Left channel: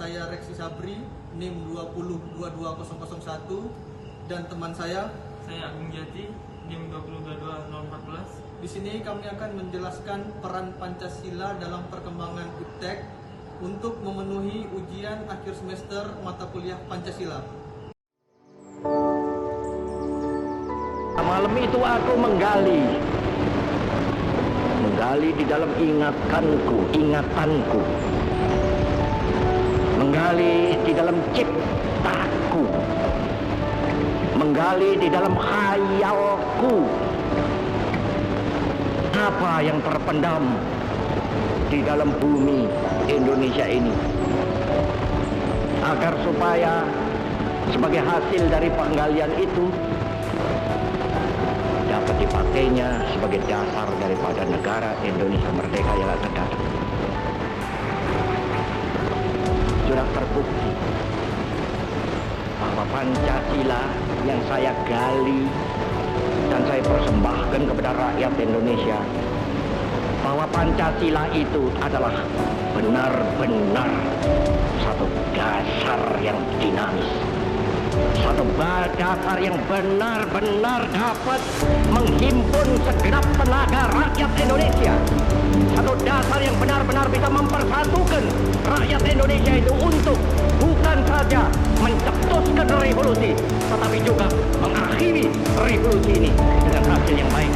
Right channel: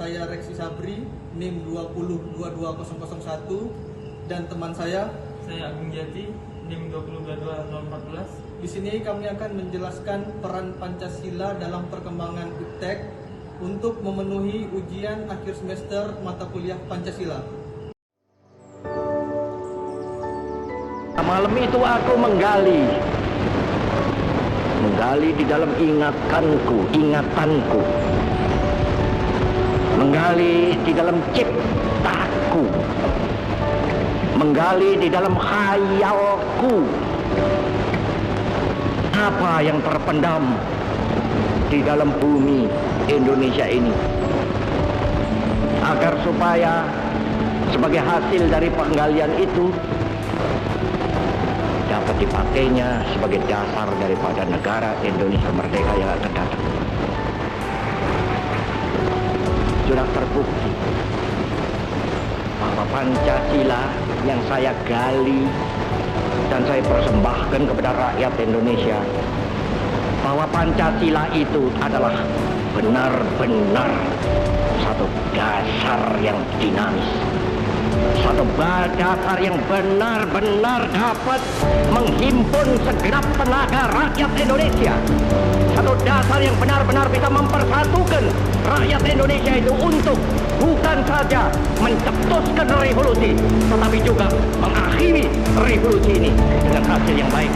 Saya Reksi Sabri, NIM 2022001, dan teman saya Agung Jati, NIM 2022014. Di sini kami akan menjelaskan peran Pancasila dalam perkembangan IPTEK untuk memenuhi ujian akhir semester mata kuliah Pancasila. Malam itu aku menggali di dalam ingatanku, menggali di dalam ciptaku, menggali di dalam khayalku, apa yang terpendam di dalam bumi Indonesia ini, agar supaya sebagai hasil dari penggalian itu dapat dipakainya sebagai dasar daripada negara Indonesia merdeka yang akan datang. Sudah terbukti bahwa Pancasila yang saya gali dan saya persembahkan kepada rakyat Indonesia, bahwa Pancasila itu adalah benar-benar satu dasar yang dinamis, satu dasar yang benar-benar dapat menghimpun segenap tenaga rakyat Indonesia, satu dasar yang benar-benar bisa mempersatukan rakyat Indonesia itu untuk bukan saja mencetuskan revolusi, tetapi juga mengakhiri revolusi ini dengan hasil yang baik.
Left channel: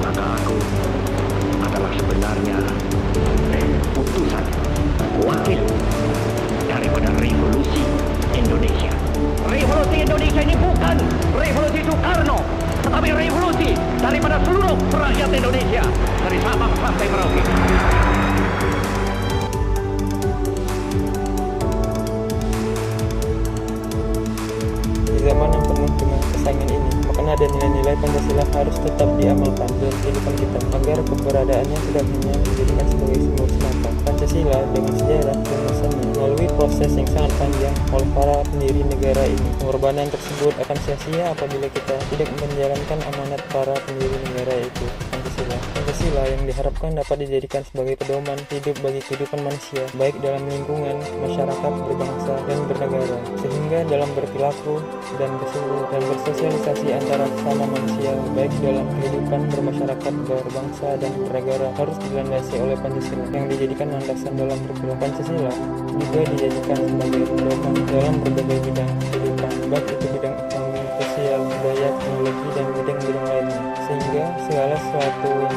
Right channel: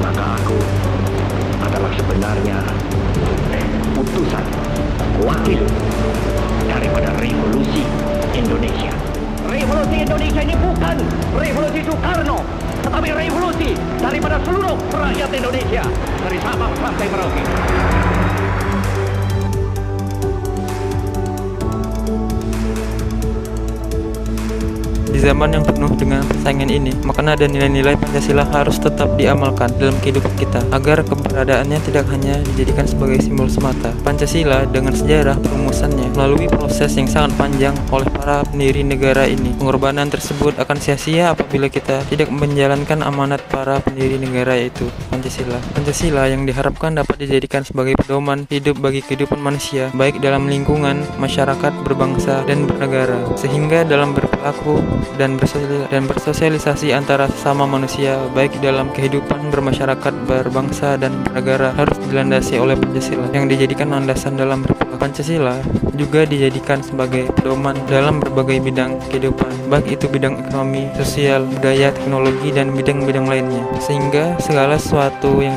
Maka aku adalah sebenarnya utusan, wakil daripada revolusi Indonesia. Revolusi Indonesia ini bukan revolusi Soekarno, tetapi revolusi daripada seluruh rakyat Indonesia, dari Sabang sampai Merauke. Di zaman yang penuh dengan persaingan ini, makna dan nilai-nilai Pancasila harus tetap diamalkan dalam kehidupan kita, agar keberadaannya tidak hanya dijadikan sebagai simbol semata. Pancasila dengan sejarah perumusannya melalui proses yang sangat panjang oleh para pendiri negara ini. Pengorbanan tersebut akan sia-sia apabila kita tidak menjalankan amanat para pendiri negara, yaitu Pancasila. Pancasila yang diharapkan dapat dijadikan sebagai pedoman hidup bagi kehidupan manusia, baik dalam lingkungan, masyarakat, berbangsa, dan bernegara, sehingga dalam berperilaku dan bersosialisasi antara sesama manusia, baik dalam kehidupan bermasyarakat, berbangsa, dan bernegara, harus dilandasi oleh Pancasila yang dijadikan landasan dalam berperilaku. Pancasila juga dijadikan sebagai pedoman dalam berbagai bidang kehidupan, baik itu bidang ekonomi, sosial, budaya, teknologi, dan bidang-bidang lainnya, sehingga segala sesuatu yang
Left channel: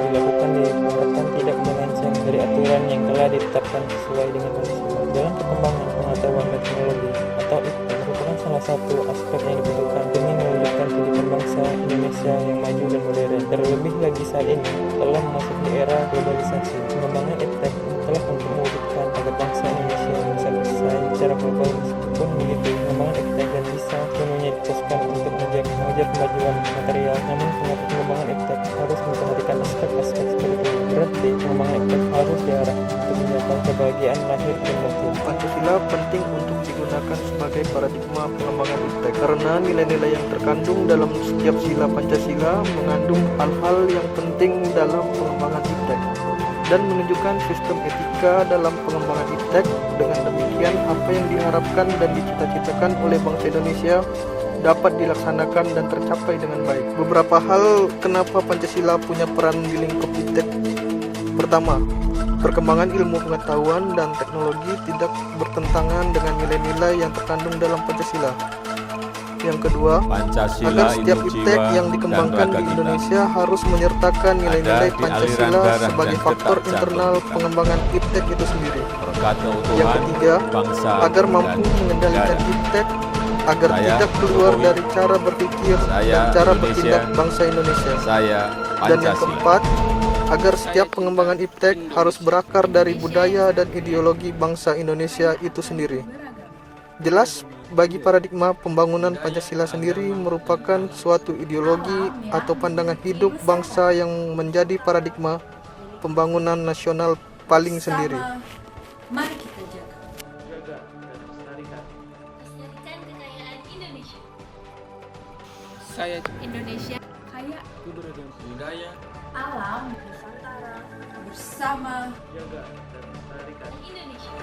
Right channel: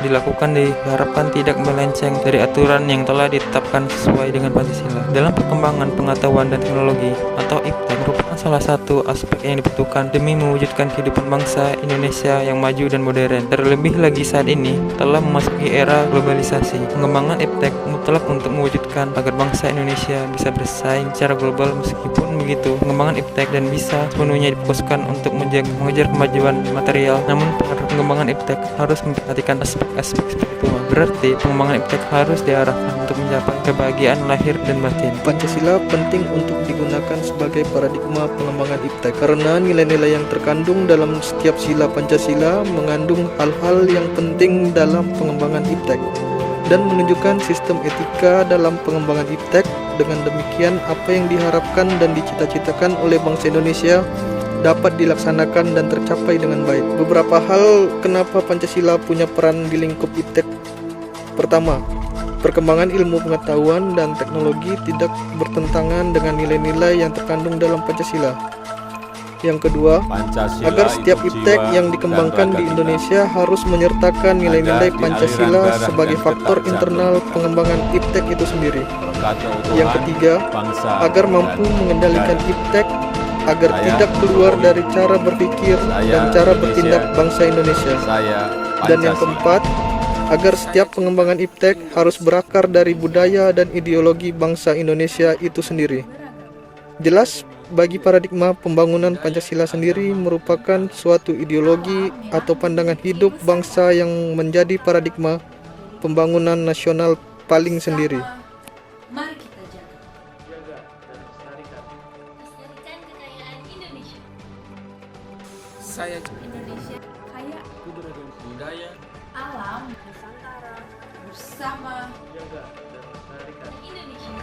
dilakukan diharapkan tidak melenceng dari aturan yang telah ditetapkan sesuai dengan Pancasila. Dalam perkembangan pengetahuan dan teknologi atau IPTEK merupakan salah satu aspek yang dibutuhkan demi mewujudkan kehidupan bangsa Indonesia yang maju dan modern. Terlebih lagi saat ini telah memasuki era globalisasi. Pengembangan IPTEK mutlak untuk mewujudkan agar bangsa Indonesia bisa bersaing secara global. Meskipun begitu, pengembangan IPTEK dan bisa sepenuhnya difokuskan untuk mengejar kemajuan material, namun pengembangan IPTEK harus memperhatikan aspek-aspek spiritual. Berarti pengembangan IPTEK harus diarahkan untuk mencapai kebahagiaan lahir dan batin. Pancasila penting untuk digunakan sebagai paradigma pengembangan IPTEK karena nilai-nilai yang terkandung dalam setiap sila Pancasila mengandung hal-hal yang penting dalam pengembangan IPTEK dan menunjukkan sistem etika dalam pengembangan IPTEK. Dengan demikian, apa yang diharapkan dan dicita-citakan oleh bangsa Indonesia dapat dilaksanakan dan tercapai dengan baik. Beberapa hal kenapa Pancasila punya peran di lingkup IPTEK. Pertama, perkembangan ilmu pengetahuan dan teknologi tidak bertentangan dengan nilai-nilai yang terkandung dalam Pancasila. Yang kedua, Pancasila agar setiap IPTEK yang dikembangkan di Indonesia harus menyertakan nilai-nilai Pancasila sebagai faktor internal pengembangan IPTEK itu sendiri. Yang ketiga, agar mampu mengendalikan IPTEK agar tidak keluar dari cara berpikir dan cara bertindak bangsa Indonesia. Dan yang keempat, agar setiap pengembangan IPTEK harus berakar dari budaya dan ideologi bangsa Indonesia itu sendiri. Jelas, bagi paradigma pembangunan Pancasila sendiri merupakan suatu ideologi atau pandangan hidup bangsa yang menjadi paradigma pembangunan nasional paling sendiri. Mari kita jaga dan lestarikan kekayaan Indonesia. Saya Indonesia kaya budaya, alam, Nusantara bersama jaga dan melestarikan Indonesia.